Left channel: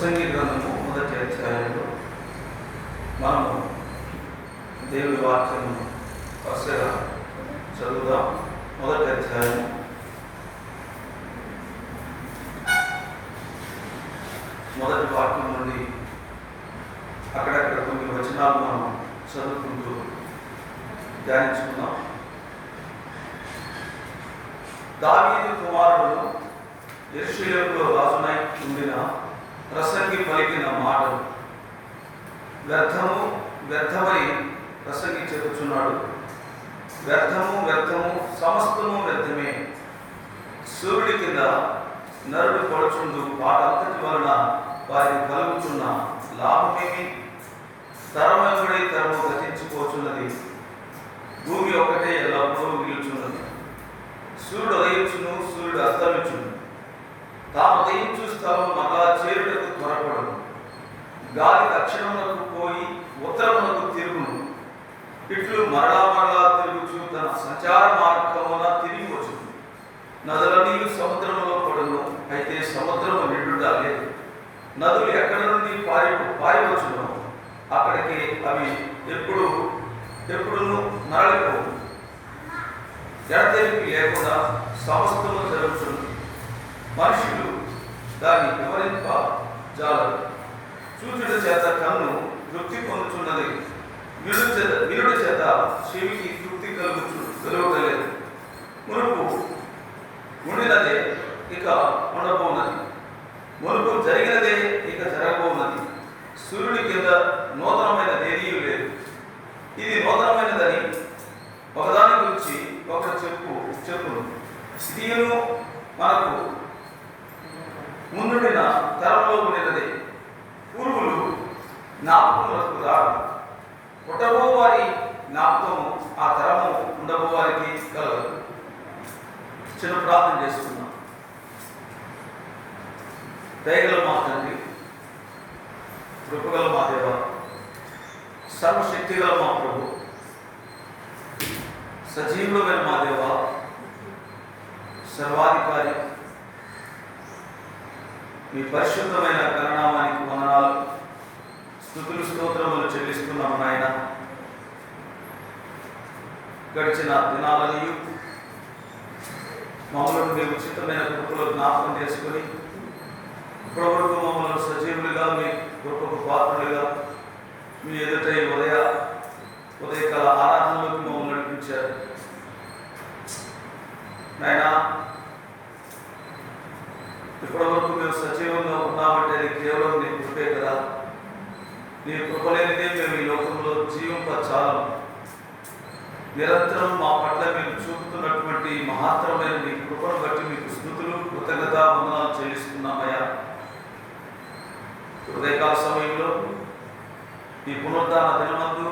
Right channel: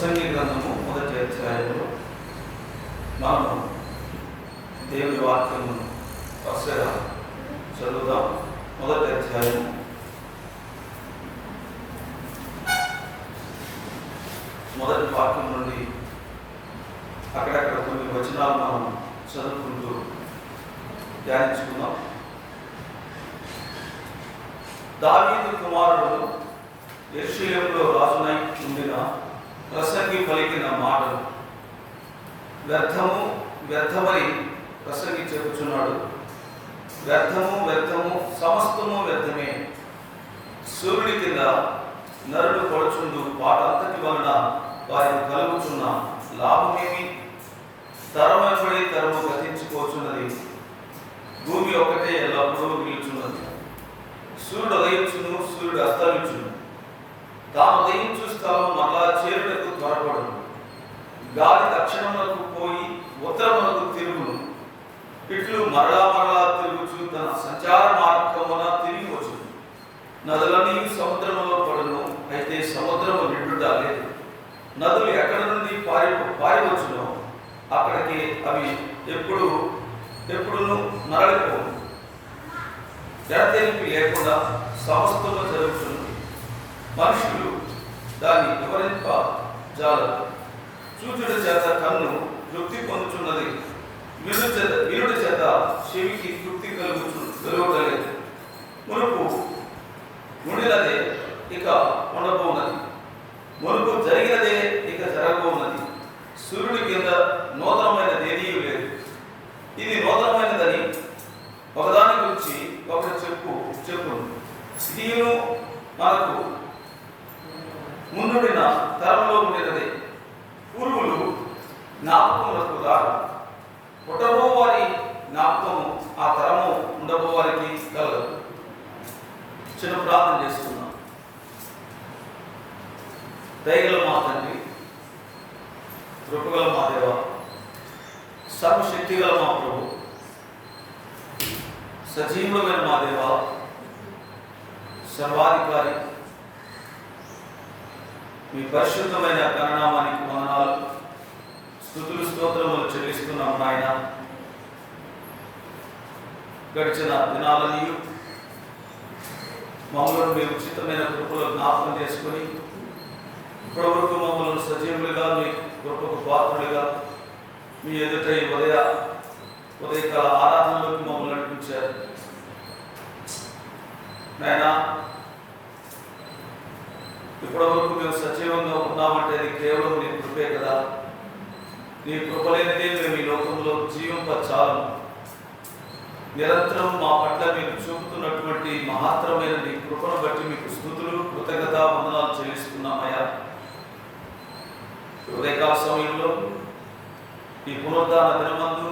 ప్రసంగి గ్రంథము మొదటి అధ్యాయంలో మనము దేవుని వాక్యము వరుసగా చదువుదాం. మొదటి అధ్యాయం మొదటి వాక్యం నుండి అక్కడక్కడ కొన్ని వచనాలు మనం చదువుకుంటూ ధ్యానించుకున్నాం. దావీదు కుమారుడు యెరూషలేములో రాజునై ఉండిన ప్రసంగి పలికిన మాటలు వ్యర్థము వ్యర్థమని ప్రసంగి చెప్పుచున్నాడు. వ్యర్థము వ్యర్థము సమస్తము వ్యర్థమే. సూర్యుడి కింద నరుడు పడుచుండు వాటంతటి వలన వారికి కలుగుచున్న లాభమేమి? తరమబడి తరము గతించుకోచున్నది. భూమి ఒకటే ఎల్లప్పుడూ నిలుచున్నది. సూర్యుడు ఉదయించును, సూర్యుడు అస్తమించును. తాము ఉదయించు స్థలం మరలా చేరుటకు త్వరపడును. గాలి దక్షిణమునకు పోయి ఉత్తరమునకు తిరుగును. ఇట్లు మరలా మరలా తిరుగుచు తన సంచార మార్గమున తిరిగి వచ్చును. నదులన్నీ సముద్రములో పడును, అయితే సముద్రము నిండుట లేదు. నదులు ఎక్కడి నుండి పారివచ్చునో అక్కడికి అవి ఎప్పుడును మరలిపోవు. ఎడతెరిపి లేకుండా సమస్తము జరుగుతుంది. మనుషులు దాన్ని వివరింప జాలరు. చూచుట చేత కన్ను తృప్తి పొందుచున్నది, వినుట చేత చెవికి తృప్తి కలుగుటలేదు. మునుపు ఉండినదే ఇక ఉండబోనది, మునుపు జరిగినదే ఇక జరగబోనది. సూర్యుడి కింద నూతనమైనదేదీ లేదు. ఇది నూతనమైనదని ఒకదాని గురించి ఒకరు చెప్పును. దీని మనకు ముందుండిన తరంలో ఉండినదే. పూర్వులు జ్ఞాపకములకు రారు, పుట్టబో వారి జ్ఞాపకము ఆ తరము ఉండబో వారికి కలదు. చిన్న ప్రార్థన చేసుకున్నాం. దయగల మా తండ్రి, కృపగల మా దేవ, సర్వశక్తిగల మా ప్రభు, సజీవుడమైన మా దేవ, సర్వాధికారి, మీ పరిశుద్ధమైన గణనామానికి వందనాలు, స్తుతులు స్తోత్రములు చెల్లిస్తున్నాము నాయన. గడిచిన దినాలని మమ్మల్ని మీ ఉచితమైన కృపలో జ్ఞాపకం చేసుకొని ఇప్పటివరకు మమ్మల్ని సజీవులుగా మీ కృపకు పాత్రులుగా మీ ఎదుట ఉదయకాల ఆరాధనలోకి మమ్మల్ని నడిపించారు నాయన. ఇప్పటివరకు మేము సజీవంగా ఉన్నామంటే అది కేవలం నీ కృపే కదా. నీ కృప లేనిదే మేము ఈ లోకంలో జీవింపచాలం. నిరంతరం మా పట్ల మీరు చూపుతున్నటువంటి మహత్తరమైన నీ కృపను బట్టి మీకు స్తుతులు కృతజ్ఞత వందనాలు చెల్లిస్తున్నామయ్యా. ఉదయకాల సమయంలో ఈ పునరుద్ధాన దినమందు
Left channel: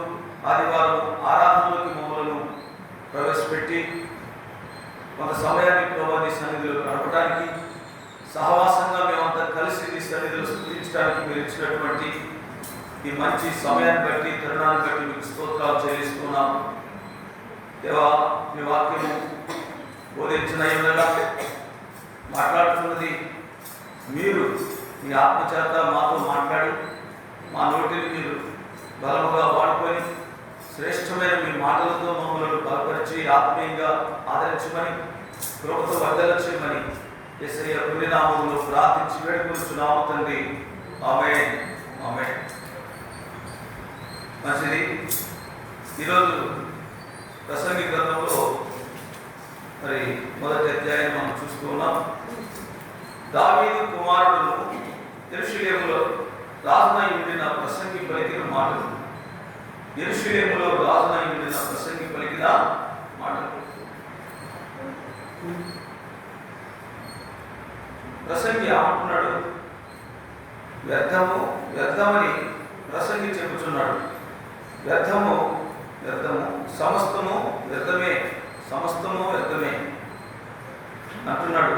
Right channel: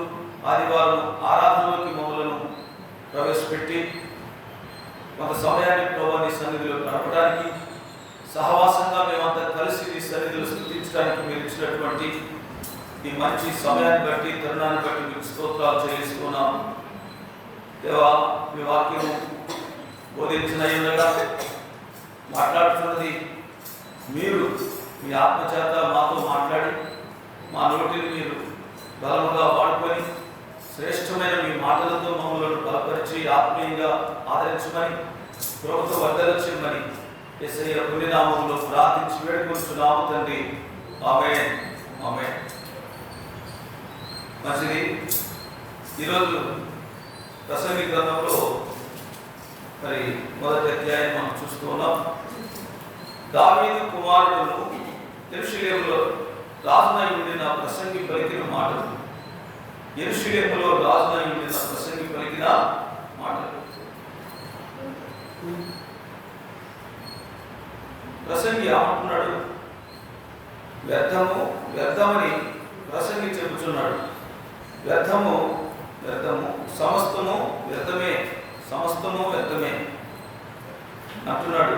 ఆదివారం ఆరాధనలోకి మమ్మలను ప్రవేశపెట్టి కొంత సమయాన్ని ప్రభావ నీ సన్నిధిలో గడపడానికి, సహవాసంగా మేమంతా కలిసి నీ సన్నిధిలో స్తుతించడానికి మీరు ఇచ్చినటువంటి ఈ మంచి సమయాన్ని బట్టి, తరుణాన్ని బట్టి మీకు స్తోత్రాలు చెల్లిస్తున్నాము దేవా. మీ వాక్యము బోధించిన ఉండగా మాట్లాడుతున్నది మీరు మీ ఆత్మచేత మాతో మాట్లాడి మా నోటిని మీరు బలముగా వాడుకొని శ్రేష్టమైన మీ మాటలతో మమ్మల్ని బలపరిచి ఆత్మీయంగా ఆదరించమని, కృపతో వర్ధలించమని యేసయ్య పుణ్యనామములో ప్రార్థించి వేడుకొనుచున్నాము తండ్రి. ఆమేన్, ఆమేన్. మంచిది. ఈరోజు ప్రసంగి గ్రంథంలో మరి మొదటి అధ్యాయం మనం చూస్తూ ఉన్నాం. దావీదు కుమారుడును యెరూషలేములో రాజునై ఉండిన ప్రసంగి పలికిన మాటలు. యెరూషలేములో రాజునై ఉండిన ప్రసంగి పలికిన మాటలు. ప్రసంగి ఏమంటున్నాడు? వ్యర్థము వ్యర్థమని ప్రసంగి చెబుతున్నాడు. వ్యర్థము వ్యర్థము సమస్తము వ్యర్థమే, సమస్తము వ్యర్థమే అంటున్నాడు.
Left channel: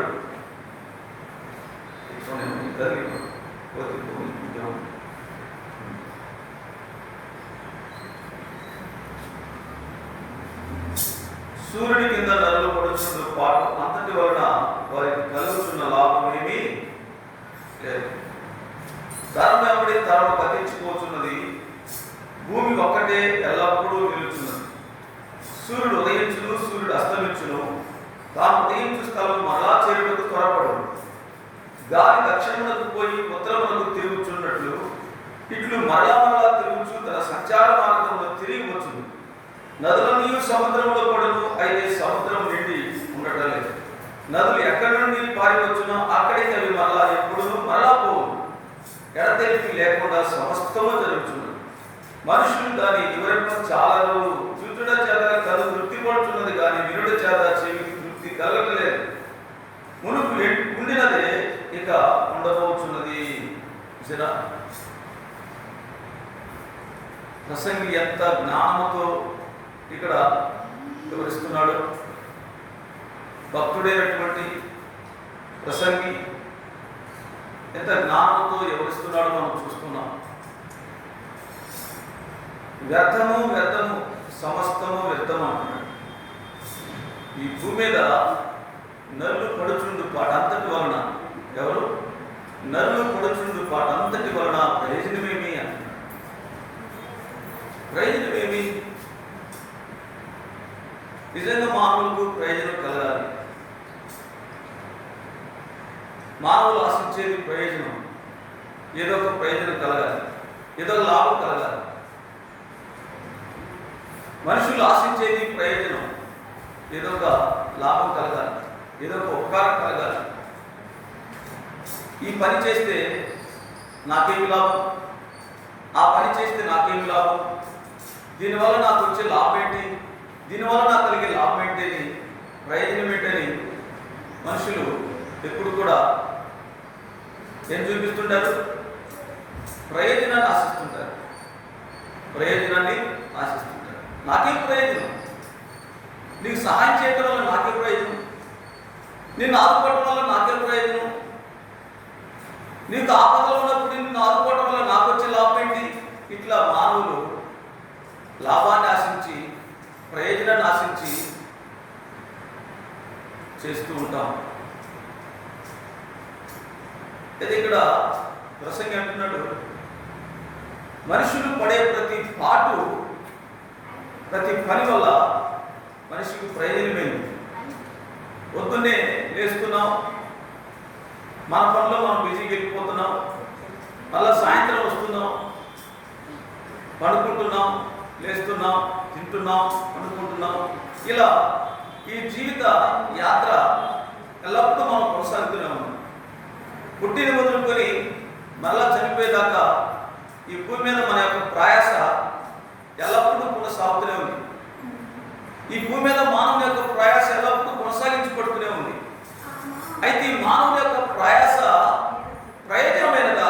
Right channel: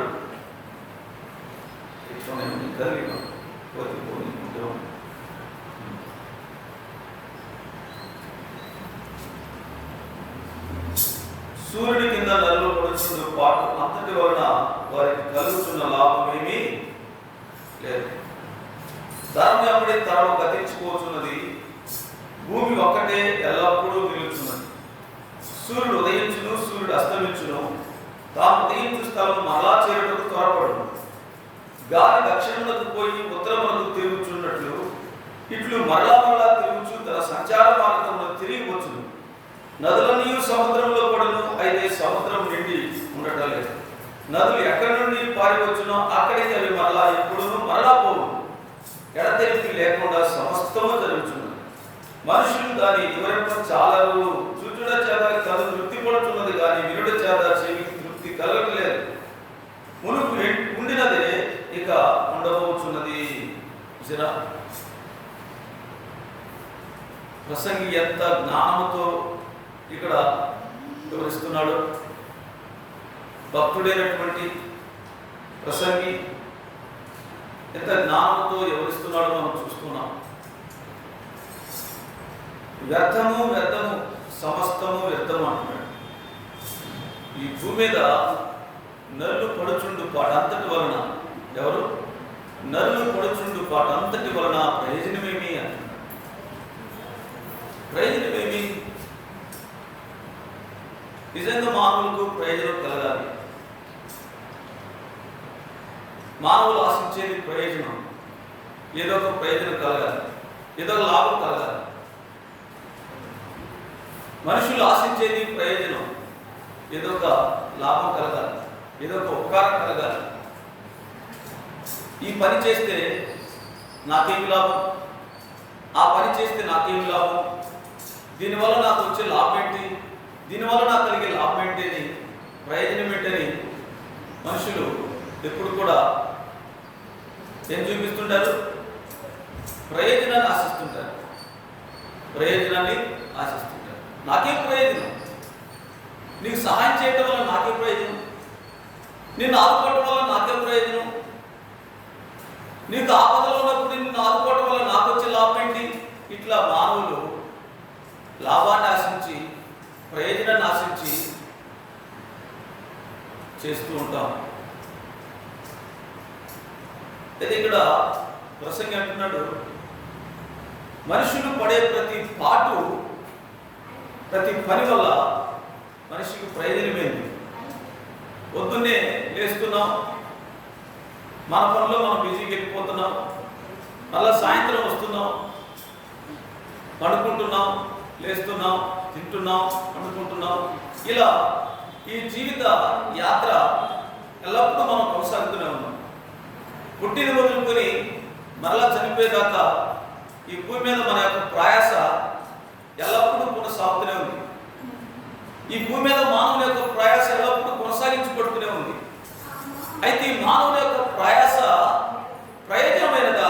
సూర్యుడి కింద నరులు పడుచున్న పాటు అంతటి వలన వారికి కలుగుతున్న లాభమేమీ లేదు. తరం వెంబడి తరం గతించిపోతున్నది, భూమి ఒక్కటే ఎల్లప్పుడూ నిలుచున్నది. సూర్యుడు ఉదయించును, సూర్యుడు అస్తమించును, తాను ఉదయించు స్థలం మరలా చేరుటకు త్వరపడు. గాలి దక్షిణమునకు పోయి ఉత్తరమునకు తిరుగుచున్నట్లు ఇట్లు మరలా మరలా తిరుగుచు తన సంచార మార్గంలో తిరిగి వచ్చును. నదులన్నీ సముద్రంలో పడును, అయితే సముద్రం నిండి ఉండటం లేదు. నదులు ఎక్కడి నుండి పారివచ్చునో అక్కడికి అవి మరలా ఎప్పుడూ మరలా పోవు. ఎడతెరిపి లేకుండా సమస్తము జరుగుచున్నది. మనుషులు దాని వివరింప చాలరు. చూచుడ చేత కళ్ళు తృప్తి పడుతున్నది, కానీ వినుడ చేత చెవికి తృప్తి కలగట్లేదు. మునుపు ఉండినదే ఇక ఉండబోతున్నది. చూసారా ప్రసంగి ఎంత జ్ఞానంతో ఇక్కడ వివరిస్తున్నాడు. భక్తుడైనటువంటి ప్రసంగి ఎంత జ్ఞానంతో వివరిస్తున్నాడో మనం చూస్తున్నాం. వ్యర్థము వ్యర్థము సమస్తము వ్యర్థము అంటున్నాడు. ఈ భూమి మీద నరులు పడుచుండు పాటంతటి వలన, ఎవరు నరులు పడుచుండు పాటంతటి వలన ప్రయోజనమేమి అంటున్నాడు. ప్రయోజనమేమి? నిజంగా మానవులకు ప్రయోజనం కలగాలి. మానవులు ఆశించేది ప్రయోజనం, ఏదో ఒక ప్రయోజనం కలగాలి, ఏదో ఒక లాభం కలగాలి. మనుషులు ఆశించేది ప్రయోజనం, ఏదో ఒక లాభం కలగాలి, ఏదో ఒక ఉపకారం కలగాలి. ఈ పని చేస్తే నాకేమి లాభం, ఆ పని చేస్తే నాకేమి లాభం, దీనివల్ల నాకు వచ్చే లాభం ఏంటి, దీనివల్ల నాకు కలిగే లాభం ఏంటి, ప్రయోజనం ఏంటని మనుషులు ఎప్పుడు కూడా ఏం చూపిస్తుంటారు? ప్రయోజనాన్ని ఆశిస్తుంటారు. ప్రయోజనాన్ని ఆశిస్తుంటారు. నాకేం ప్రయోజనం? నీకు సహాయం చేయటం వల్ల నాకే ప్రయోజనం, నిన్ను ఆదుకోవటం వల్ల నాకే ప్రయోజనం, నీకు ఆపదలో ఉన్నప్పుడు నిన్ను ఆదుకోవటం వల్ల నాకు వచ్చే లాభం ఏంటి? ఇట్లా మానవులు లాభాన్ని ఆశించి, ప్రయోజనాన్ని ఆశించి చేస్తూ ఉంటాం. అయితే ఇక్కడ ప్రసంగి అంటున్నాడు, మనుషులు పడే ప్రతి పాటు, ప్రతి పని వల్ల మనిషికి ప్రయోజనమైంది. పొద్దున్నే లేస్తున్నాం, మన పనిలో మనం బిజీగా వెళ్ళిపోతున్నాం, మళ్ళీ సాయంత్రం వస్తున్నాం, పడుకుంటున్నాం, లేస్తున్నాం, తింటున్నాం, పడుకుంటున్నాం. ఇలా ఈ జీవిత యాత్ర ఎల్లప్పుడూ మనం కొనసాగుతూనే ఉన్నాం. పుట్టిన మొదలుకొని మరలా చనిపోయేదాకా ఈ భూమి మీద మన యొక్క ప్రయాస ఎల్లప్పుడూ కొనసాగుతూనే ఉంది. ఈ భూమి మీద మానవుని యొక్క ప్రయాస ఎల్లప్పుడూ కొనసాగించబడుతూనే ఉంది. అయితే ఈ మానవుని యొక్క ప్రయాస ప్రయోజనమైనదా?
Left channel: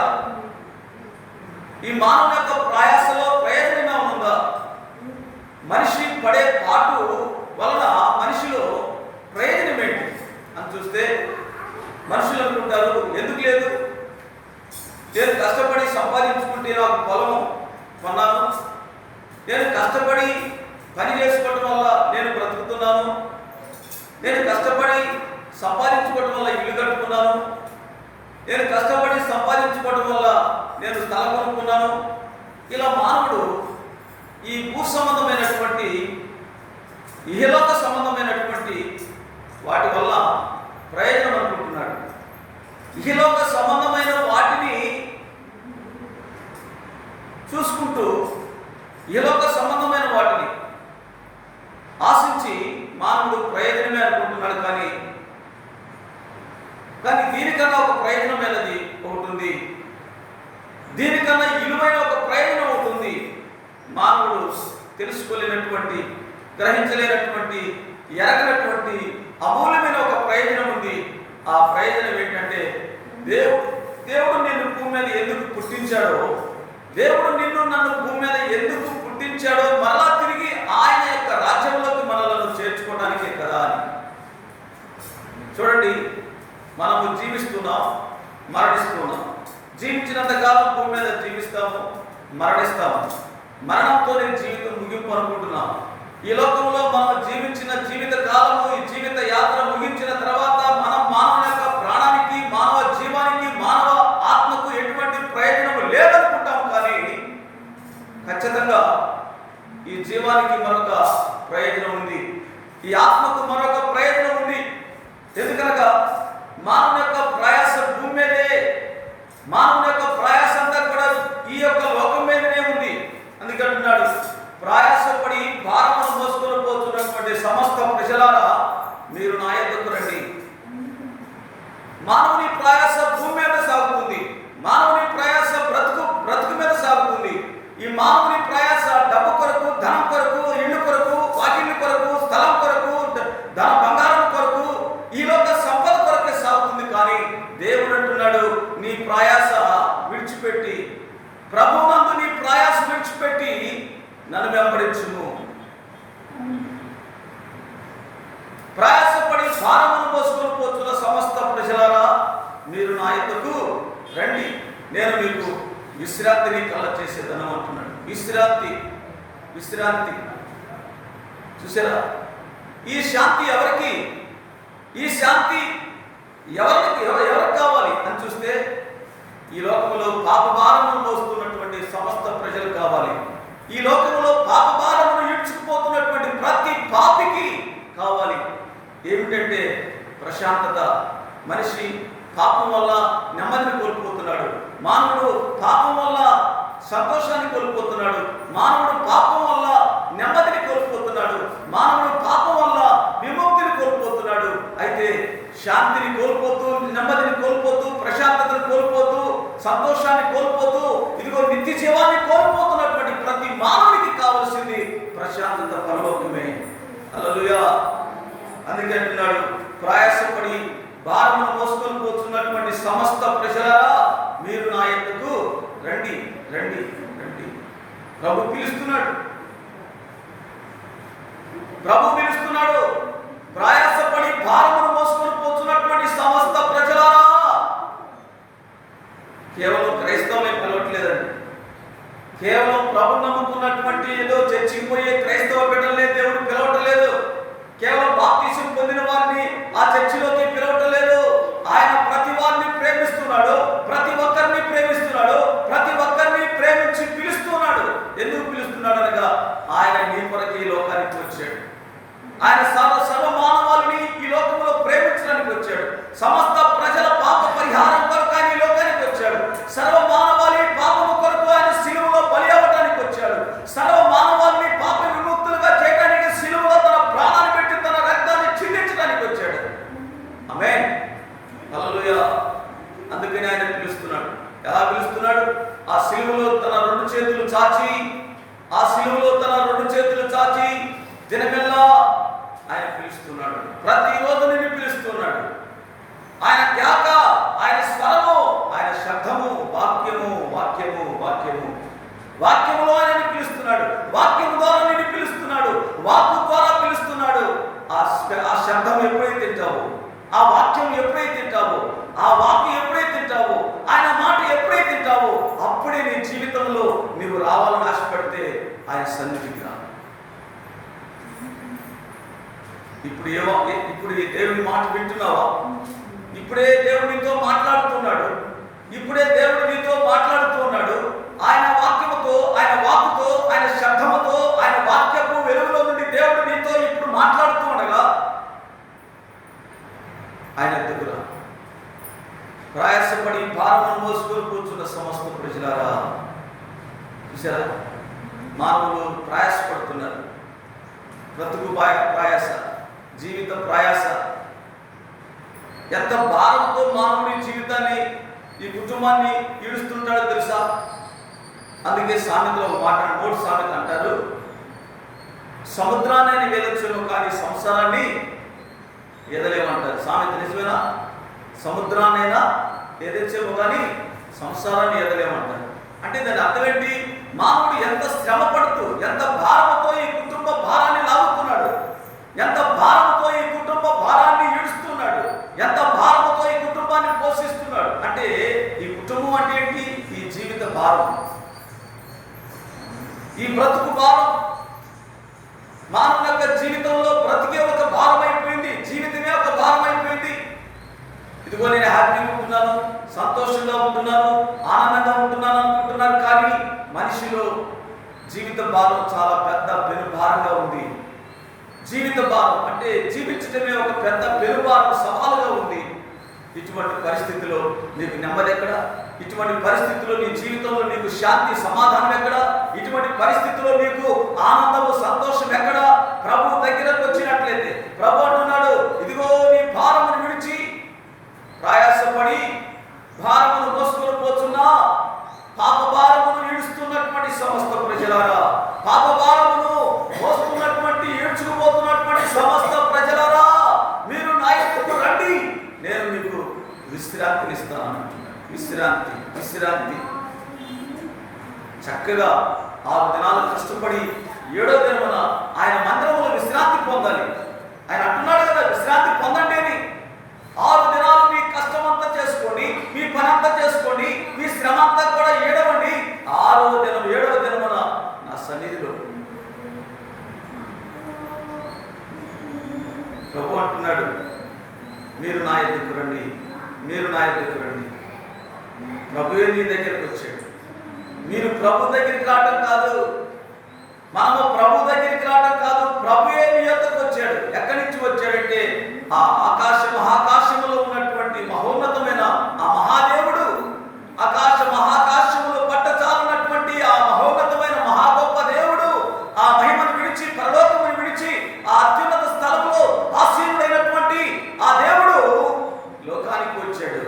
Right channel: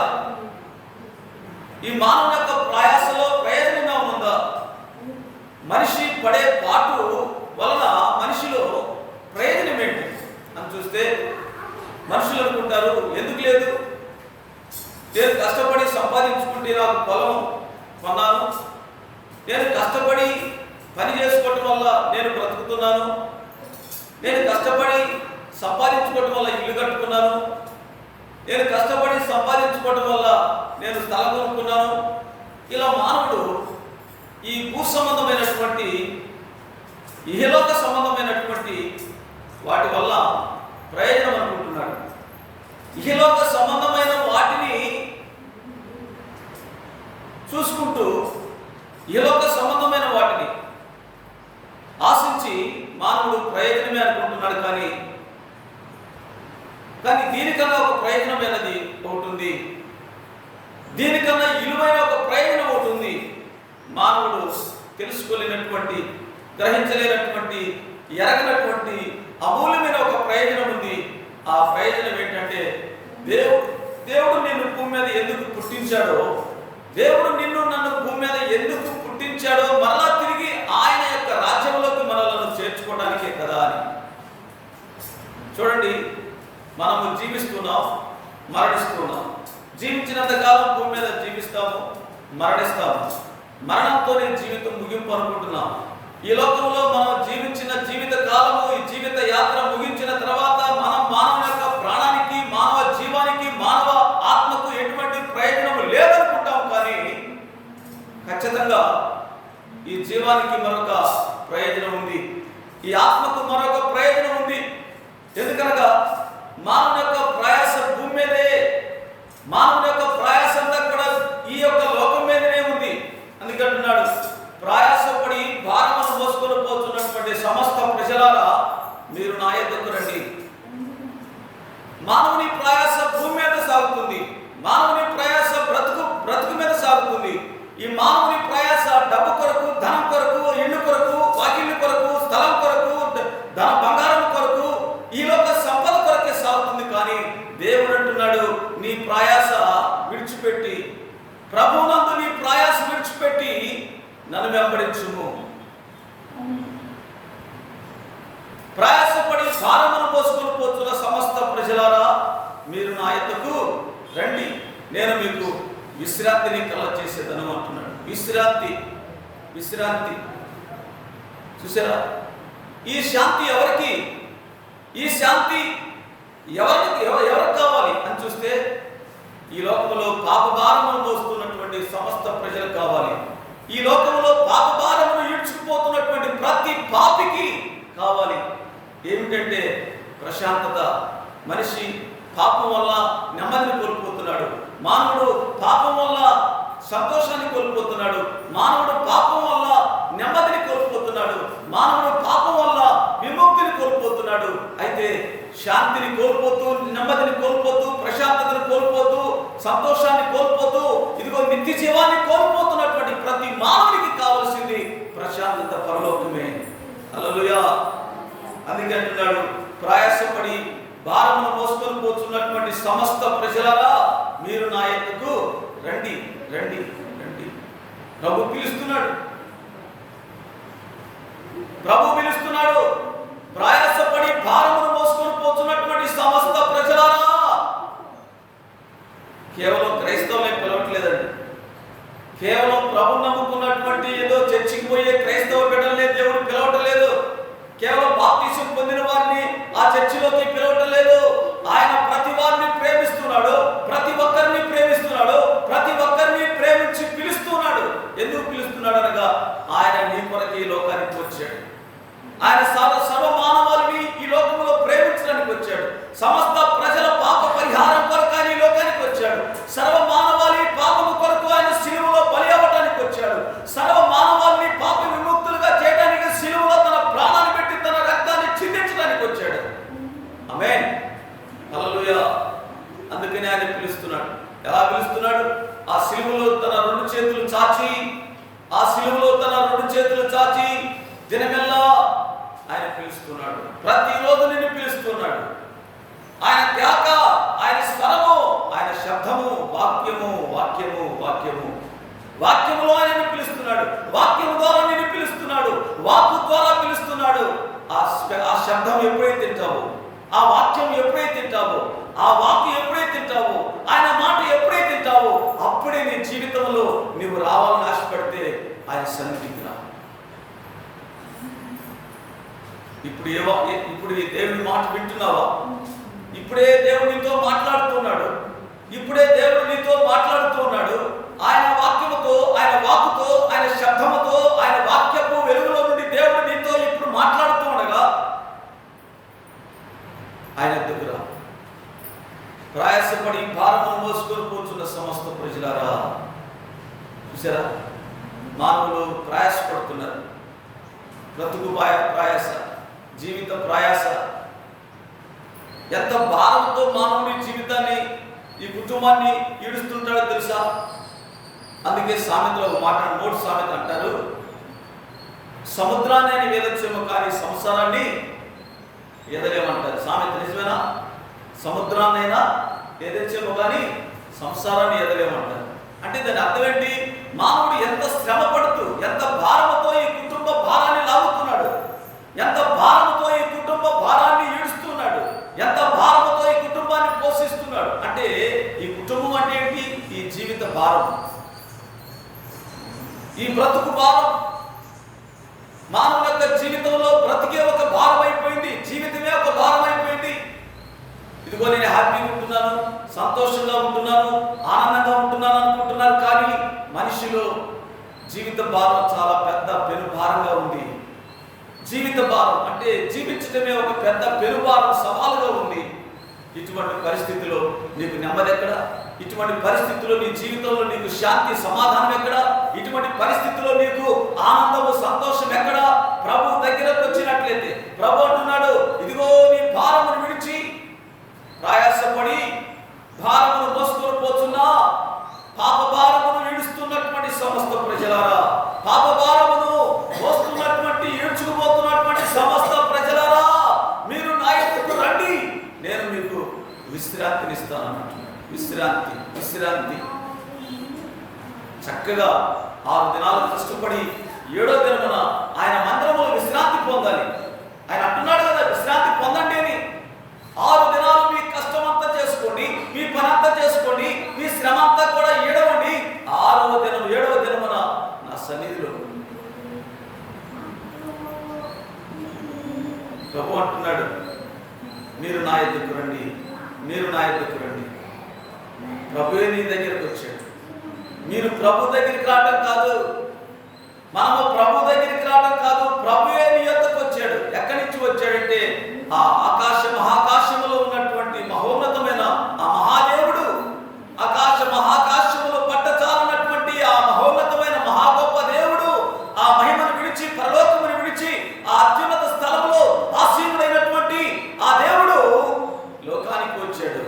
ఈ మానవుని యొక్క ప్రయాసలో ప్రయోజనంగా ఉందా? మనిషి పడే పాటు వలన మనిషిలో ప్రయోజనం ఏంటి అని చూస్తే మనుషులు అనుకుంటారు, ఎందుకు లేదు, నేను కష్టపడి సంపాదించుకుంటే నాకు పొలం కొన్నాను, నేను కష్టపడి పని చేసుకోవటం వల్ల నేను బ్రతుకుతున్నాను, నేను కష్టపడి సంపాదించుకోవటం వల్ల ఇల్లు కట్టుకున్నాను, నేను కష్టపడి సంపాదించుకోవటం వల్ల నేను స్థలం కొనుక్కున్నాను. ఇలా మానవుడు ఈ భూ సంబంధమైనటువంటి, ఇహలోక సంబంధమైనటువంటి వాటి వల్ల ప్రయోజనం అనుకుంటున్నాడు. ఇహలోక సంబంధమైన వాటిని చూసుకుంటూ, ఇహలోక సంబంధమైన వాటిని ఆశించి మానవుడు ప్రయోజనమే అనుకుంటున్నాడు. కానీ దీనికన్నా ఒక ప్రయోజనమైనది ఒకటి ఉంది, దీనికన్నా విలువైన ఒక ప్రయోజనం ఒకటి ఉంది. మానవుడు తెలుసుకోలేనటువంటి, గ్రహించలేనటువంటి, ఎరగనటువంటి అమూల్యమైన ఒక ప్రయోజనం ఉంది. ఆ ప్రయోజనం ఏంటంటే, దేవుడు నిన్ను భూమి మీద ఎందుకు పుట్టించాడో, దేవుడు నన్ను భూమి మీద ఎందుకు పుట్టించాడో మరలా తిరిగి ఆయన యొక్క రాజ్యంలోకి మనలను చేర్చుకోవడానికే కదా అని. చూడండి, మనము జీవిస్తున్నాం, మరణిస్తున్నాం. జీవించినంత కాలం భూమి మీద జీవిస్తాము, మరణిస్తాము. మరణంతోనే జీవితం ముగింపు అనుకుంటున్నాం. ఈ లోకంలో మనం జీవించిన జీవిత కాలము, ఈ జీవిత యాత్ర ముగించిన తర్వాత మనం మానవ యొక్క ప్రాణానికి, మానవ జీవానికి, మానవ ఆత్మకు ఎటువంటి ప్రయోజనం జీవానికి మరొక ప్రయోజనం ఉంది, ఈ ఆత్మకు మరొక ప్రయోజనం ఉంది. ఎందుకనగా మానవుని యొక్క ప్రయాస భూమి మీదే, మానవుని యొక్క ప్రయాస అంతా కూడా ఈ యొక్క లోకం మీదనే ఉంది. అందుకంటున్నాడు, ప్రయాసపడి భారమును మోసుకొని పోతున్నటువంటి సమస్త ప్రజలారా మీరు నా యొద్దకు రండి. మానవుని ప్రయాస భూమి మీద సాగుతుంది, మానవుని ప్రయాస బ్రతుకు మీద సాగుతుంది. ఈ మానవుని ప్రయాస డబ్బు కొరకు, ధనం కొరకు, ఇల్లు కొరకు, వాకిళ్ళు కొరకు, స్థలం కొరకు, బంగారం కొరకు, ఈ లోక సంపద కొరకే సాగుతుంది. కానీ దేవుడు అంటున్నాడు, నీ ప్రయాస విడిచిపెట్టి, ప్రభువునందు నీ ప్రయాస విడిచిపెట్టి నన్ను వెంబడించుము. ప్రయాసపడి భారమును మోసుకొని పోతున్న సమస్త ప్రజలారా మీరు నా యొద్దకు రండి, నేను మీకు విశ్రాంతిని కలగచేసేదను అంటున్నాడు. విశ్రాంతి చూసారా? ఈ శాంతి ఎవరికి? ఈ శాంతి ఎవరికి కావాలి అని చూస్తే ఈ లోకంలో పాప భారమును మోస్తున్నటువంటి సమస్త ప్రజలకు కావాలి. ఈ లోకంలో పాప భారమును ఈడ్చుకుపోతున్నటువంటి ప్రతి పాపికి కావాలి. ఏమిటంటే ప్రశాంతత. మనిషి పాపం వల్ల నెమ్మదిని కోల్పోతున్నాడు, మానవుడు పాపం వల్ల సంతోషాన్ని కోల్పోతున్నాడు, మానవుడు పాపం వల్ల నెమ్మదిని కోల్పోతున్నాడు, మానవుడు పాపం వల్ల విముక్తిని కోల్పోతున్నాడు. అయితే శాంతిని కోల్పోతూ, నెమ్మదిని కోల్పోతూ, ప్రశాంతతను కోల్పోతూ, సంతోషాన్ని కోల్పోతూ, ఇదిగో నిత్య జీవాన్ని కోల్పోతున్నటువంటి ప్రతి మానవునికి కావలసింది ప్రశాంతత, పరలోకమే. హల్లెలూయా. అందుకే అంటున్నాడు, ప్రయాసపడి భారమును మోసుకొని పోతున్నటువంటి సమస్త ప్రజలారా మీరు నా యొద్దకు రండి. ప్రభు పిలుస్తున్నాడు. ప్రయాసపడి భారమును మోసుకొని పోతున్నటువంటి సమస్త ప్రజలారా. కేవలం క్రైస్తవులే పిలవట్లేదండి. కేవలం ప్రభు నమ్ముకున్నటువంటి ఏదో చర్చికి పోయే క్రైస్తవ బిడ్డలనే దేవుడు పిలవట్లేదు. కేవలం బాప్తిసం పొందిన వారిని ఆ చర్చిలోకి పిలవట్లేదు. ఆయన ప్రతి వారిని ప్రేమిస్తున్నాడు, ప్రతి ఒక్కరిని ప్రేమిస్తున్నాడు, ప్రతి ఒక్కరిని ప్రేమించి పిలుస్తున్నాడు. ఎందుకు పిలుస్తున్నాడు అనగా ఆయన నీ కొరకు ఈ లోకానికి వచ్చాడు. ఆయన సర్వ మానవాళిని ఈ లోకంలో ప్రేమించడానికి వచ్చాడు. సమస్త ప్రజల పాప పరిహారం కొరకు ఆయన ఈ లోకానికి వచ్చాడు. సర్వ మానవాళి పాపము కొరకు ఆయన సిలువలో బలి అవ్వడానికి వచ్చాడు. సర్వ మానవాళిని పాప విముక్తులుగా చేయడానికి సిలువలో తన ప్రాణాన్ని పెట్టి తన రక్తాన్ని చిందించడానికి వచ్చాడు. ఆమేన్, హల్లెలూయా. అందుకని ఆయన పిలుస్తున్నాడు. ఎలా పిలుస్తున్నాడు? ఆ సిలువలో తన రెండు చేతులు చాచి దినమెల్లా ఆయన పిలుస్తున్నాడు. ప్రతిరోజు నిన్ను పిలుస్తున్నాడు. ఆయన కేక, ఆయన స్వరము, ఆయన శబ్దము, వాక్యములో ఆయన పిలుస్తున్నాడు. వాక్యము ద్వారా నిన్ను పిలుస్తున్నాడు. వాక్కు ద్వారా పిలుస్తున్నాడు. ఆ శబ్దం ఎప్పుడైతే తింటావో, ఆ వాక్యం ఎప్పుడైతే తింటావో, ఆ వాక్యం ఎప్పుడైతే తింటావో, ఆయన మాట ఎప్పుడైతే తింటావో, అప్పుడే నీ జీవితంలో నువ్వు రావాలని ఆశపడితే ఆయన సన్నిధికి రా. ఇప్పుడు ఈ దేవుని మాట వింటున్నావా? ఇప్పుడే దేవుడు నీతో మాట్లాడుతున్నాడు. ఆయన వాక్యముతో, ఆయన వాక్కుతో, ఆయన శబ్దముతో, ఆయన వాక్యపు వెలుగులో నుండి దేవుడు నీతో ఇప్పుడు మాట్లాడుతూ ఉండగా ఆయన దగ్గర ప్రయాసపడి భారమును మోసుకొని కూర్చున్న సమస్త ప్రజలారా. చూసారా? మానవులు ప్రయాసపడుతున్నారు. బ్రతుకు ప్రయాస, జీవిత ప్రయాస. ఎంత భారంతో మానవుడి జీవితాన్ని, ఈ కుటుంబాన్ని ఈడుస్తుంటాడో తెలుసా? అందుకే సామెతలో ఒక మాట, 3 సామెత అంటారు, సముద్రాన్ని అని వేదొచ్చేమో కానీ సంసారాన్ని ఎదలేమంటారు. సామెత నిజమేనా? సముద్రాన్నైనా ఎదొచ్చేమో కానీ సంసారాన్ని ఎదలేమంటారు. అంటే దాని అర్థం ఏంటి? మానవుడు ఎంత శ్రమ పడుతూ, ఎంత భారముతో ఈ కుటుంబ భారాన్ని లాగుతున్నాడు, ఎంత భారముతో ఈ కుటుంబ భారాన్ని ఈడుస్తున్నాడు, ఎంత భారముతో ఈ కుటుంబాన్ని పోషిస్తున్నాడు. అంటే ఈ కుటుంబం అంటే ఏంటి? ఈ జీవిత భారం, ఈ బ్రతుకు భారం. మానవుని యొక్క జీవితంలో బ్రతికే ఒక భారం అయిపోయింది, జీవితమే ఒక భారం అయిపోయింది. ఇదిగో నేను హ్యాపీగా ఉంటున్నాను, సంతోషంగా ఉంటున్నాను, ఆనందంగా ఉంటున్నాను అనుకుంటున్నారు. కానీ మనిషిలో జీవిత భారం చాలా పెద్ద పెనుభారంగా ఉంది. జీవిత భారం అంటే జీవించడమే ఒక పెద్ద పెనుభారం, సవాలుగా ఉంది. ఇటువంటి పరిస్థితిలో నీకు నెమ్మది ఎక్కడ? ఇటువంటి పరిస్థితుల్లో నీ జీవితంలో నీకు శాంతి సమాధానం ఎక్కడ? ఇటువంటి పరిస్థితుల్లో నీకు ఆనందము సంతోషం ఎక్కడ? ప్రభు దగ్గరకు వచ్చినట్లయితే ప్రభు అంటున్నాడు, ఇదిగో నీ భారమును విడిచి ప్రయాసపడి భారమును మోసుకొని పోతున్నా పాప భారమును ఈడుస్తున్నటువంటి సమస్త ప్రజలారా, పాప భారమును మోస్తున్నటువంటి ఈడ్చుకుపోతున్నటువంటి సమస్త ప్రజలారా, మీరు నా యొద్దకు రండి, నేను మీకు విశ్రాంతినిస్తాను అంటున్నాడు. విశ్రాంతి, విశ్రాంతి. చక్కగా 6 దినాలు కష్టపడి 7వ దినమున ఆయన మందిరములో విశ్రాంతి పొందాలి. ఆయన అంటున్నాడు కదా, విశ్రాంతి పొందండి అని. 6 దినాలు మీ కష్టం అంతా చేసుకోండి, మీ పని అంతా చేసుకోండి, మీ శ్రమ అంతా కూడా ఏడవండి. 6వ దినం 7వ దినమున నా సన్నిధిలో ప్రభు అంటున్నాడు, మీరు నా యొద్దకు రండి, మీరు నా యొద్దకు రండి. ప్రభువే నీ దగ్గరికి వచ్చాడు. మీరు ప్రభు దగ్గరికి రావడం కాదు, మనము ప్రభు దగ్గరికి రావడం కాదు, ప్రభువే నీ యొద్దకు వచ్చాడు. ఎక్కడి నుంచి వచ్చాడంటే ఆ మహాకాశములో ఉన్నటువంటి మహోన్నతమైన ఆ మహాదేవుడు, ఆకాశ మహాకాశములో పట్టచాలన్నటువంటి ఆ మహోన్నతమైన మహా గొప్ప దేవుడు, ఆ మహిమను విడిచి పరలోకమును విడిచి ఆ అత్యున్నత స్థలంలో ఆసీనుడైనటువంటి ఆ దేవుడు లోకానికి వచ్చాడు.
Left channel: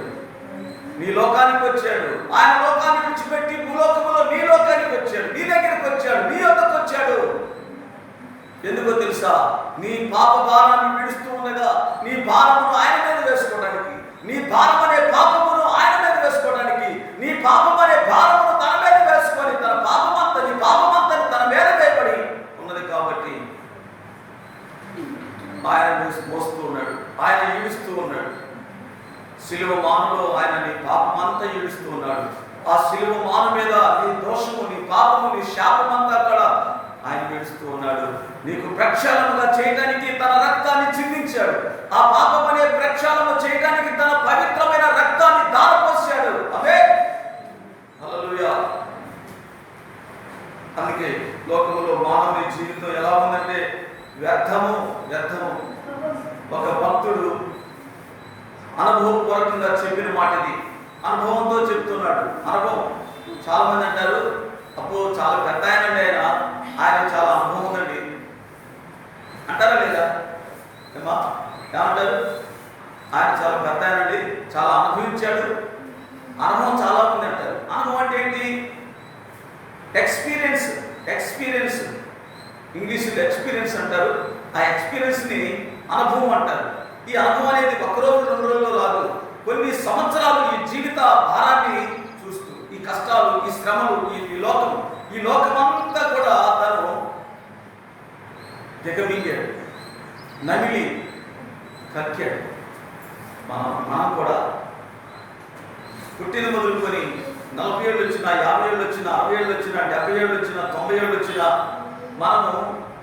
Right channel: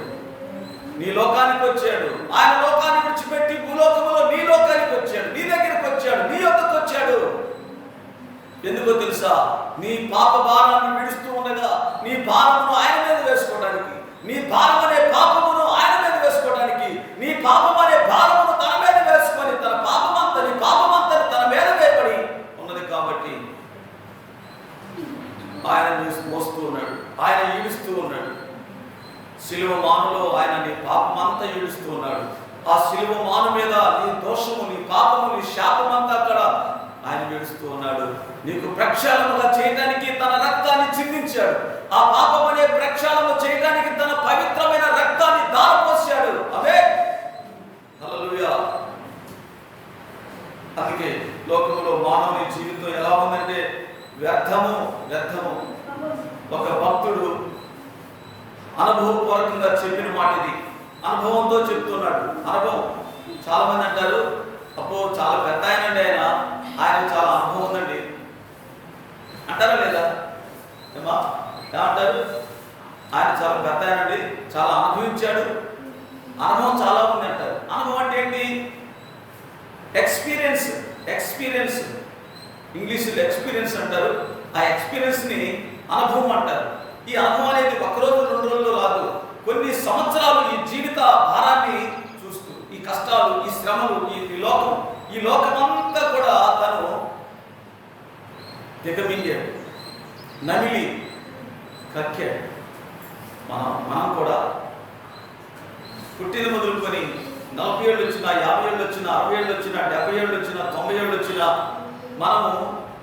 నీ లోకానికి వచ్చాడు. ఆయన లోకాన్ని విడిచిపెట్టి భూలోకములో నీ లోకానికి వచ్చాడు, నీ దగ్గరికి వచ్చాడు, నీ యొద్దకు వచ్చాడు. ఎందుకో తెలుసా? నీ పాప భారాన్ని విడుస్తూ ఉండగా నీ భారమును ఆయన మీద వేసుకోవడానికి, నీ భారం అనే పాపమును ఆయన మీద వేసుకోవడానికి, నీ పాపం అనే భారమును తన మీద వేసుకొని తన పాపమంతా, నీ పాపమంతని తన మీద వేయబడి ఉన్నది కాబట్టి ఆయన మోస్తూ ఉన్నాడు, ఆయన ఈడుస్తూ ఉన్నాడు. సిలువ మానులో ఆయన నీ పాపమంతా ఈడుస్తూ ఉన్నాడు. ఆ సిలువ మాను మీద నీ దోషము, నీ పాపము, నీ శాపమంతా అక్కడ ఆయన విడుస్తూ ఉన్నాడు. నీకు ప్రక్షాళనగా చేయడానికి తన రక్తాన్ని చిందించాడు. ఆ పాపం అనే ప్రక్షాళన చేయడానికి తన పవిత్రమైన రక్తాన్ని దారపోసాడు. అదే హల్లెలూయా. అందుకే లోకంలో మానవుని జీవితం ఎలా ఉందంటే వ్యర్థము, వ్యర్థము. ఒక భక్తుడు అనుభవపూర్వకంగా చెప్పిన మాట ఇది, అనుభవంతో చెప్తున్నాడు. అనుభవం. చాలా మంది అంటారు, అబ్బో చాలా పెద్ద ఆయనండి, ఆయన చాలా అనుభవం ఉందండి అంటారా లేదా? ఏమంటారు? ఆయన చాలా పెద్ద ఆయనండి, చాలా అనుభవించాడు, అనుభవం చాలా ఉంది అంటారు. అనుభవం అంటే ఏంటి? ఎక్స్పీరియన్స్. ఎక్స్పీరియన్స్ ఇంగ్లీష్లో ఎక్స్పీరియన్స్ అంటారు. ఆ ఎక్స్పీరియన్స్ని అనుభవం అంటారు. ఈ అనుభవం అనేది 1 రోజు 2 రోజుల్లో రాదు. కొన్ని సంవత్సరాలు ఈ జీవిత భారాన్ని చూస్తూ, ఈ కష్టాలు, ఈ శ్రమలు, ఈ లోకమంతా కూడా తను దిగమింగాడు, నమిలి కక్కాడు. మనం కూడా పుట్టిన మొదలుకొని 40 ఏళ్ళు వచ్చినా, 50 ఏళ్ళు వచ్చినా, 60 ఏళ్ళు వచ్చినా, 70 ఏళ్ళు వచ్చినా, 90 ఏళ్ళు వచ్చినా, మనము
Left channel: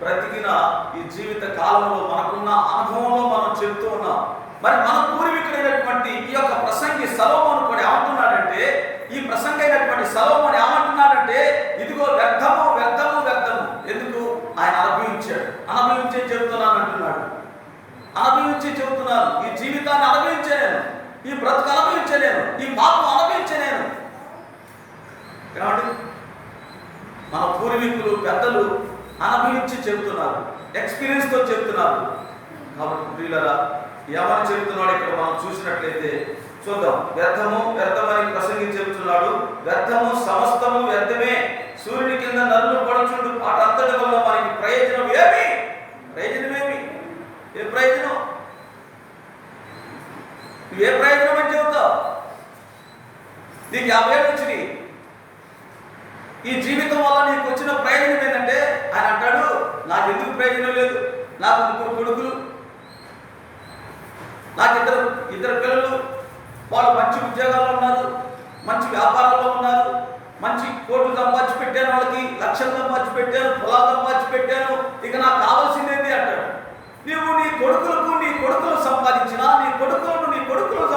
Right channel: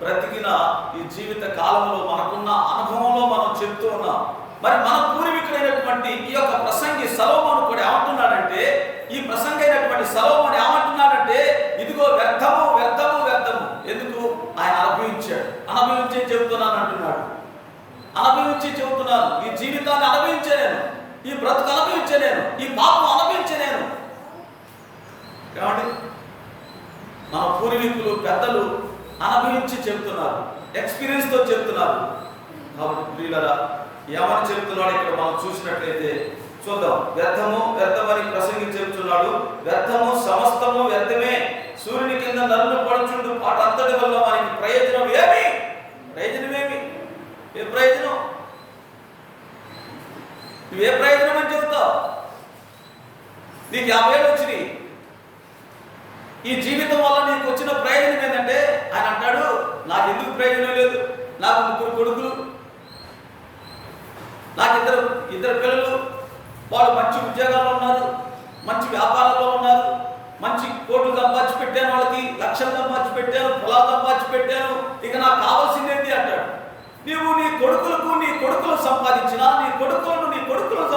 బ్రతికిన ఈ జీవిత కాలంలో మనకున్న అనుభవంలో మనం చెప్తూ ఉన్నాం. మరి మన పూర్వీకుడైనటువంటి ఈ యొక్క ప్రసంగి సొలొమోను కూడా ఏమంటున్నాడంటే, ఈ ప్రసంగి అయినటువంటి సొలొమోను ఏమంటున్నాడంటే, ఇదిగో వ్యర్థము, వ్యర్థము, వ్యర్థము. ఎందుకు? ఆయన అనుభవించే చెబుతున్నాను అంటున్నాడు. అనుభవించి చెబుతున్నాను. ఈ జీవితాన్ని అనుభవించే నేను, ఈ బ్రతుకు అనుభవించే నేను, ఈ పాపం అనుభవించే నేను. ఏమండి? మన పూర్వీకులు, పెద్దలు అనుభవించి చెబుతున్నారు, ఎక్స్పీరియన్స్తో చెబుతున్నారు. కాబట్టి ప్రియులారా, ఏమని చెబుతున్నాడు ఇక్కడ మనం చూసినట్లయితే చూద్దాం. వ్యర్థము, వ్యర్థమని ప్రసంగి చెబుతున్నాడు. వ్యర్థము, సమస్తము వ్యర్థమే, సూర్యుని కింద నరులు పడుచుండు పాట అంతటి వల్ల మనకి ప్రయోజనం ఏమి? ప్రయోజనమేమి? ఏ ప్రయోజనం? నువ్వే ప్రయోజనం అని చెబుతావు? నీకు 50 ఏళ్ళు వచ్చినాయి. ఈ జీవితం వల్ల నీకు వచ్చిన ప్రయోజనం ఏంటంటే, ఆయన అంటాడు, నాకు ఎందుకు ప్రయోజనం లేదు, నాకు 3 కొడుకులు, నాకు ఇద్దరు పిల్లలు, వాళ్ళు మంచి ఉద్యోగాల్లో ఉన్నారు, మంచి వ్యాపారంలో ఉన్నారు, మంచి కోట్లు సంపాదించి పెట్టాను, వాళ్ళకి లక్షలు సంపాదించి పెట్టాను, పొలాలు సంపాదించి పెట్టాను, ఇక నాకు కావాల్సిందేంటి అంటాడు. నీవు నీ కొడుకులు సంపాదించినా, నీ కొడుకులను